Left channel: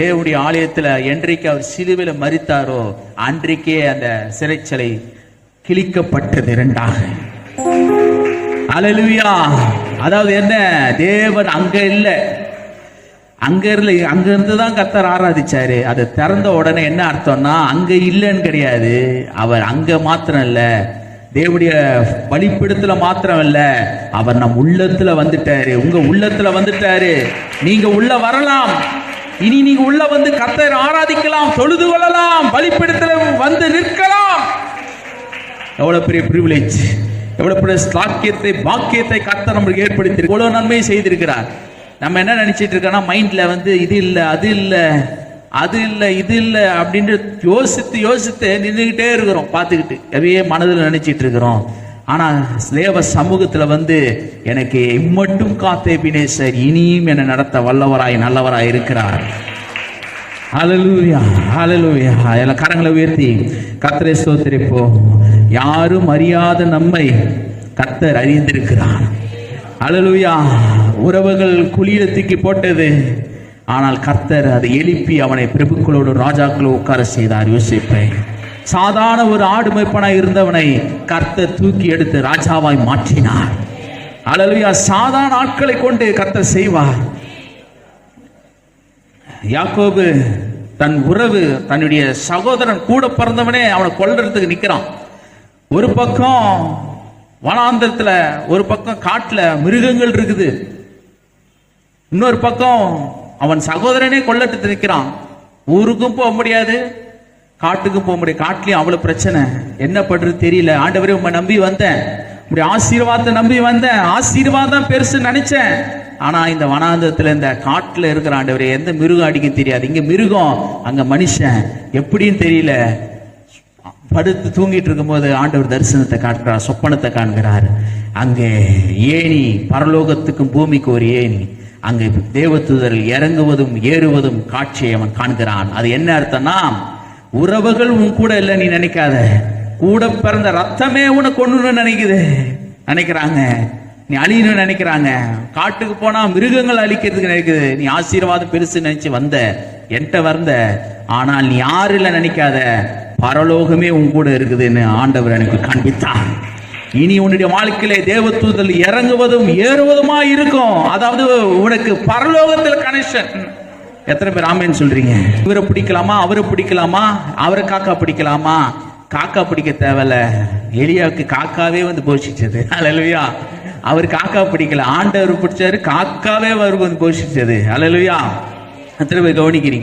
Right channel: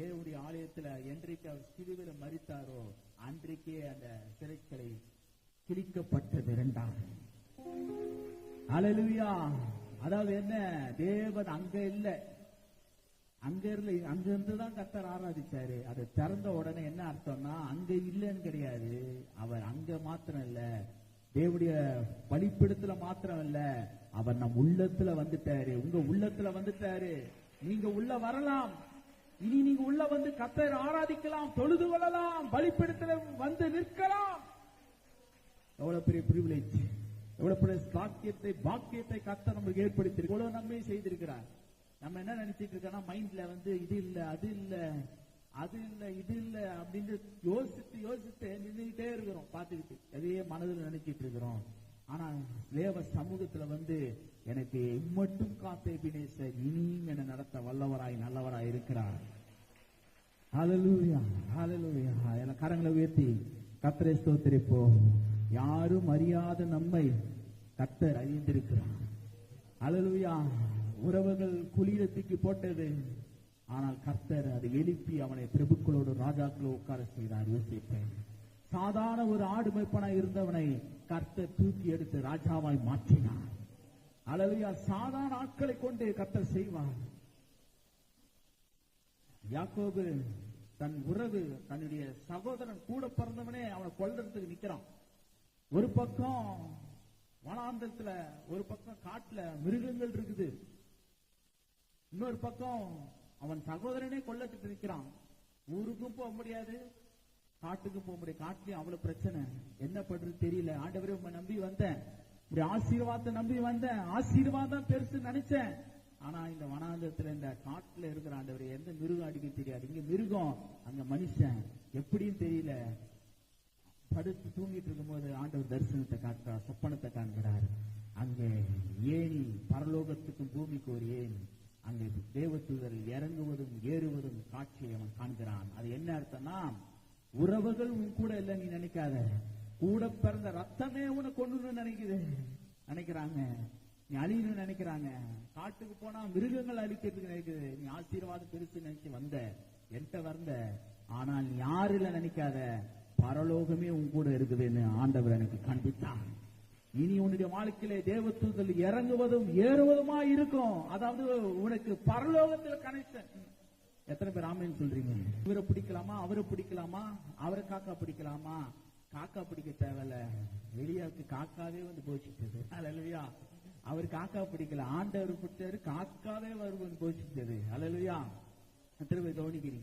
தேவனுடைய ஆலயத்துல என்றைக்கு அவர் சிலுவையில மரித்தாரோ அன்றைக்கே அந்த சிறைச்சலை கிழிக்கப்பட்டது இரண்டாக. அல்லேலூயா. அதாவது என்ன, தேவன் அங்க இல்ல, அங்க இருந்துதான் கர்த்தர் ஆராதிச்சாரு. அதை திறந்த உடனே என்ன அர்த்தம்னா அங்க இல்லைன்னு கிடையாது. அவர் அங்க மாத்திரம் இல்ல, தேவனுடைய பலிப்பிடத்துல மாத்திரம் இல்ல, அவர் நம் உள்ளத்துல வந்துட்டாரு. உங்க உள்ளத்துல வந்துட்டாரு. நீங்க உள்ள வரலாம். இனி நீங்க உள்ள வந்து கர்த்தரை ஆராதிக்கலாம், தொழுது கொள்ளலாம், பலிப்பிடத்துல வந்து நிற்கலாம். எவ்வளவு பெரிய பிரிவிலேஜ், எவ்வளவு பெரிய ஸ்லாக்கியத்தை, பாக்கியத்தை கர்த்தர் நம்மளுக்கு ஏற்படுத்தி எவ்வளவு நன்மை செய்திருக்கிறார். நம்ம என்ன நினைச்சிட்டு இருக்கோம்னா மைண்ட்ல வந்து இது இல்லை, அது இல்லை, அது இல்லை, இது இல்லை அப்படின்னு யோசித்து நின்றுகிட்டே இருக்கிறோம், பார்த்துக்கிட்டு எதையே மனதில் நினைச்சிட்டு இருக்கிறோம். ஆனா தேவ சமூகத்துல வந்து எனக்கு இம்மட்டும் காத்த எபினேசர் இனியும் என்னை நடத்த வல்லவராய் நல்லவராய் இருக்கிறார். ஹல்லேலூயா, ஹல்லேலூயா. எல்லா கரங்களை உயர்த்தி கர்த்தரை ஸ்தோத்திரிப்போம். யாரும் அறியாத நம்மை கர்த்தர் அறிந்திருக்கிறார். ஹல்லேலூயா. உறவுகள் குழியில தூக்கி போட்டது, ஆனால் கர்த்தர் அதை எழுப்பி அவனை பிரபுக்களோடு ராஜாக்களோடு உட்கார செய்தார். யோசிப்பை சாதாரண ஒரு ஆடு மேய்ப்பனாய் இருந்தவனை கர்த்தர் தூக்கி எடுத்து ராஜாவாய் மாற்றினார். ஹல்லேலூயா. சாதாரண ஆட்களை கொண்டு கர்த்தர் செய்வார். யாக்கோபு தன் உறவு, தன்னுடைய சகோதரன் கூட பிறந்தவனே அவனை கொல்றதுக்கு நிக்கிறான். ஒரு பக்கம் வனாந்தரத்துல, ஒரு பக்கம் காட்டுல மிருகங்கள் இருக்குது, இன்னொரு பக்கம் அவன் சகோதரனே கொல்லட்டு நிற்கிறான். ஊருக்கும் போக முடியாது, காட்டுக்கும் போக முடியாது. காட்டுலயும் அவ்வளவு பிரச்சனை, என்ன பண்றது தெரியல. ஆண்டவரே உம்மை நம்பி வந்தேன், உங்களுடைய ஆசீர்வாதத்தை நம்பி வந்தேன், ஆசீர்வாதம் பெருசு நினைச்சேன். ஆனா இந்த வனாந்தரத்துல, இந்த காட்டுல இருக்கிற ஆண்டவரே எந்த மிருகம் அடிக்கும் தெரியாது. இங்க மிருகம், அங்க மனுஷன், எப்படின்னு தெரியல. படுத்து தூங்கிட்டு இருக்கும் போது ஆண்டவர் தரிசனத்தை காட்டுறார், சொப்பனத்தை காண்கிறார். அங்கே ஏணி, பரலோகத்துக்கும் பூமிக்கு ஒரு ஏணி, அங்கே தேவதூதர்கள் இறங்குவதும் ஏறுவதும் காட்சியை அவன் காண்கிறான். அது என்ன அர்த்தம்னா, உறவுகள் உன் கூட இல்லை நீ நினைக்காத, கூட பிறந்த ரத்தமே உனக்கு ஒண்ணுன்னு நினைக்கிறாங்க, நீ அழியணும்னு நினைக்கிறாங்க. காட்டுக்கு போனா மிருகங்கள் அழிக்கிறதுக்கு நினைக்குது. நீ ஆசீர்வாதம் பெருசு நினைச்சு வந்த, என்கிட்ட வந்த, ஆனால் நீ யாரு இல்லை நினைக்காத, பரலோகமே உன் கூட இருக்குதுன்னு ஆண்டவர் எனக்கு காண்பித்தார். இனி உன்னுடைய வாழ்க்கையிலே தேவதூதர்கள் இறங்குவதும் ஏறுவதுமா இருக்கும். அதாவது உனக்கு பரலோகத்தில் கனெக்ஷன். எத்தனை பேர் ஆமேன்னு சொல்றீங்க? இவரை பிடிக்கலாமா, அவரை பிடிக்கலாமா, அவரை காக்கா பிடிக்கலாமா? காக்கா பிடிக்க தேவையில்ல, எலியாவுக்கு காக்காவே வந்து போஷிச்சது. அல்லேலூயா. அவர் காக்கா பிடிக்கல, ஆண்டவர் பிடிச்சாரு, காக்காவே அவருக்கு வந்து போஷிச்சது. அல்லேலூயா. எத்தனை பேர் கவனிக்கிறீங்க?